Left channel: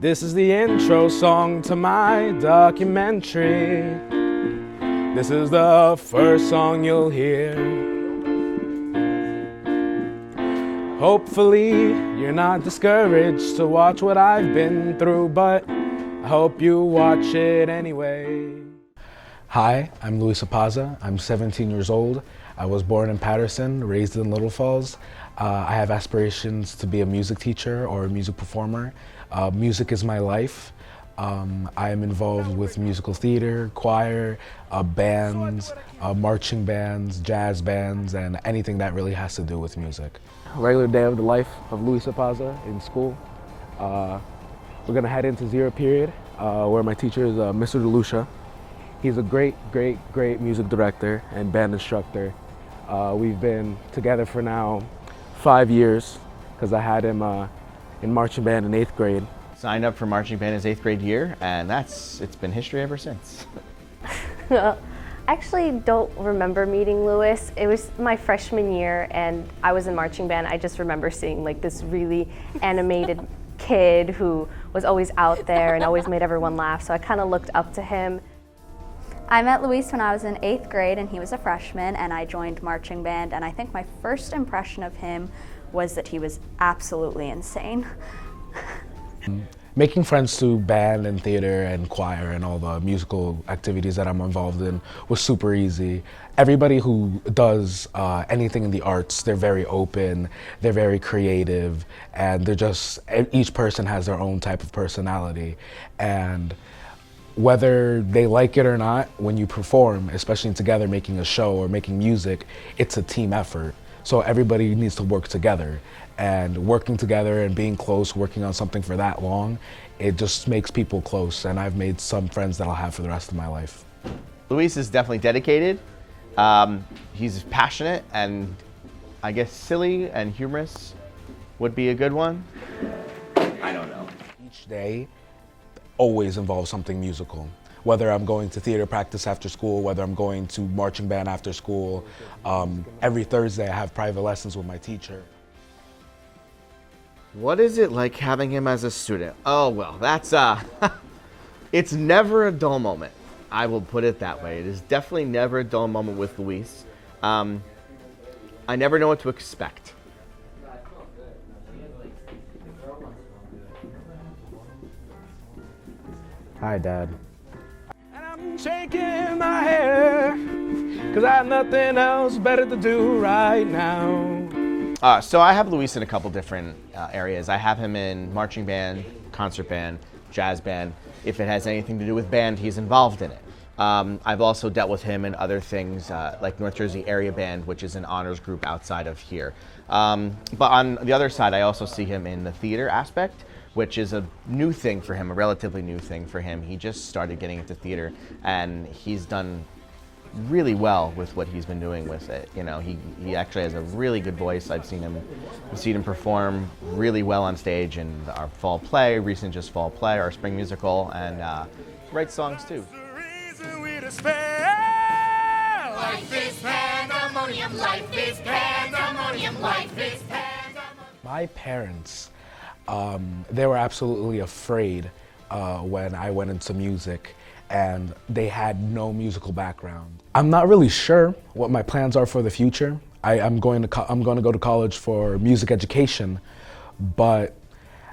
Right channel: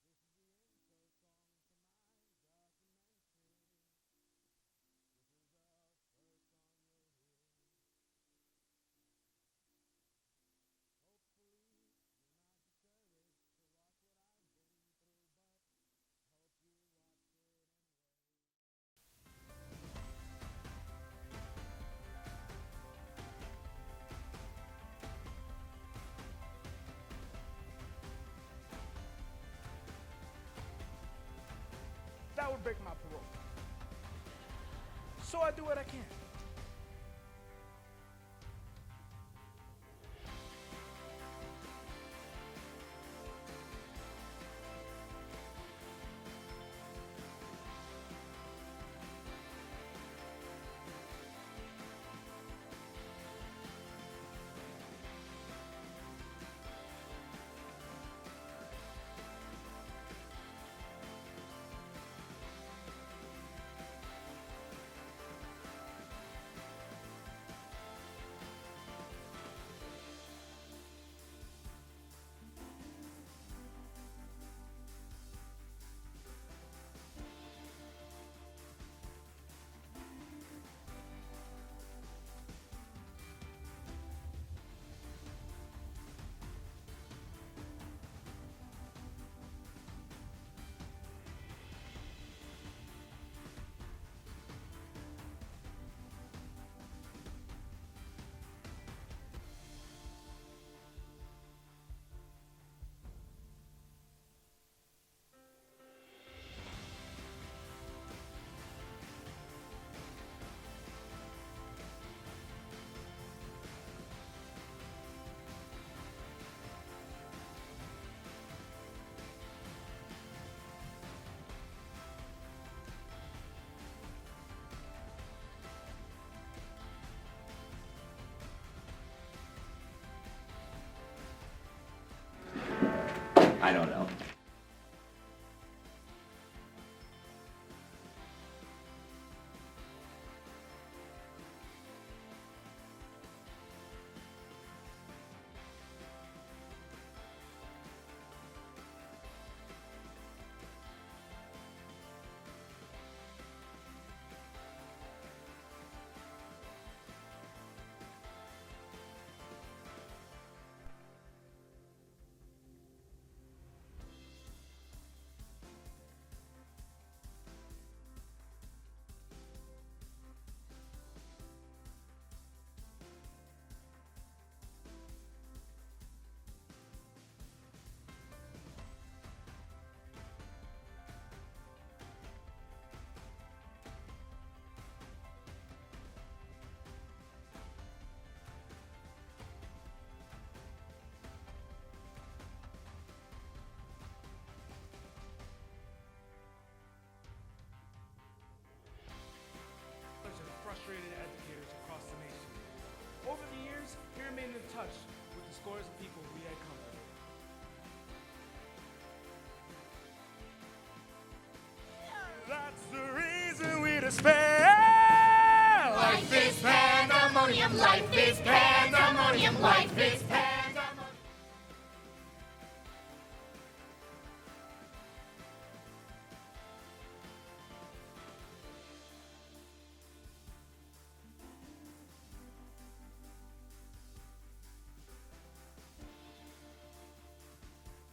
This is the intro song to my documentary. This is the first song you'll hear. Hopefully, you're not discouraged to watch what I've been through, but I hope you watch it anyway. Hi, I'm Luis Apaza. I'm 17 years old. I was born in Patterson, raised in Little Falls. I have aspirations to be a music teacher or a music performer. Music is my life. I am involved with musical theater, choir, bands, marching bands, jazz bands, and anything that really has to do with music. Regular day of the life of Luis Apaza in school. We're gonna head into zero period, where my teacher is Mr. DeLucia. He's a great music director and band instructor. We've been together for now 5 years, because I had him in marching band in 8th grade. Signed up for marching band his 8th grade year, and it's been history ever since. I actually don't remember meeting Luis. It was my freshman year and I was in marching band. I just remember seeing like this really animated kid who was always out there and always made everyone laugh, so I kind of looked up to him. I met Luis when I was in 8th grade and he was a freshman, and I joined marching band, and I think my first impression of him was that he was absolutely insane. Making friends through band and theater and choir and all the musical activities that I'm involved in was super easy. Everybody who does anything in the arts, they're very open, they're very creative, and each person has their own type of personality. And whether they like it or not, when you perform, especially together making a show or making music, it's a team effort. So everybody needs to work together. And working together and being close, working on something for that long, it just makes people close. And I've made some friends that I'll have for the rest of my life. Luis is definitely dedicated. He's passionate, and I guess silly and humorous would be a good one. I don't know. Each day always involves something musical. Whether I'm going to theater practice after school, whether I'm going to marching band after school. Every Thursday I have private lessons with my teacher. What is it like having him as a student? Oh, well, that's, it's never a dull moment. I will put it that way. It is definitely never a dull moment with Luis. I never know what to expect. Hi, Dad. And I'm shaking my hair, 'cause I have nothing else better to do right now. So I have Luis in a couple different areas. I have him in marching band, concert band, jazz band. If it has anything to do with band, he's involved in it. I've also dealt with him in other things like North Jersey Area Band, which is an honors group outside of here. But on the other side, I also see him in the theater aspect, which is a new thing for him, a relatively new thing for him. He just started getting into theater, and he's done really well with what he's been doing with it. You know, he actually has a really good voice. I've seen him perform really well on stage in our fall play, recent just fall play, our spring musical, and writes songs too. Life is pandemonium, life is pandemonium, life is pandemonium. My parents, they were absolutely afraid when I went into music, and they had no musical background. I'm not really sure what my plans are for the future. I'm going to go to college for music education, but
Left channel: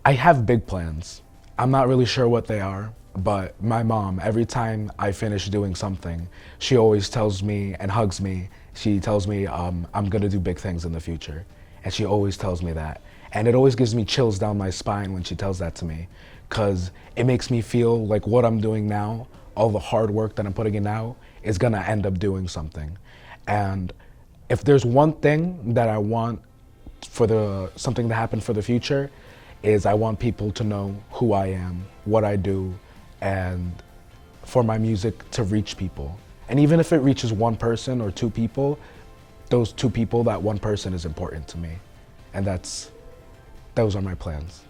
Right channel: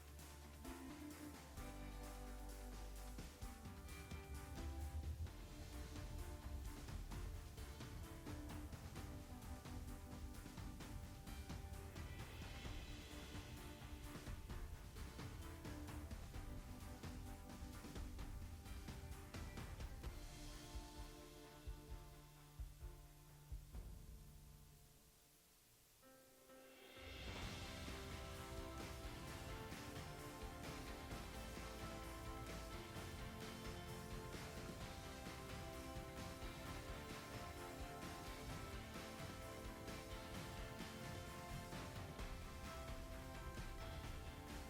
I have big plans. I'm not really sure what they are, but my mom, every time I finish doing something, she always tells me and hugs me. She tells me I'm gonna do big things in the future, and she always tells me that. And it always gives me chills down my spine when she tells that to me, because it makes me feel like what I'm doing now, all the hard work that I'm putting in now, is gonna end up doing something. And if there's one thing that I want for something to happen for the future, is I want people to know who I am, what I do, and for my music to reach people. And even if it reaches one person or two people, those two people, that one person is important to me. And those are my plans.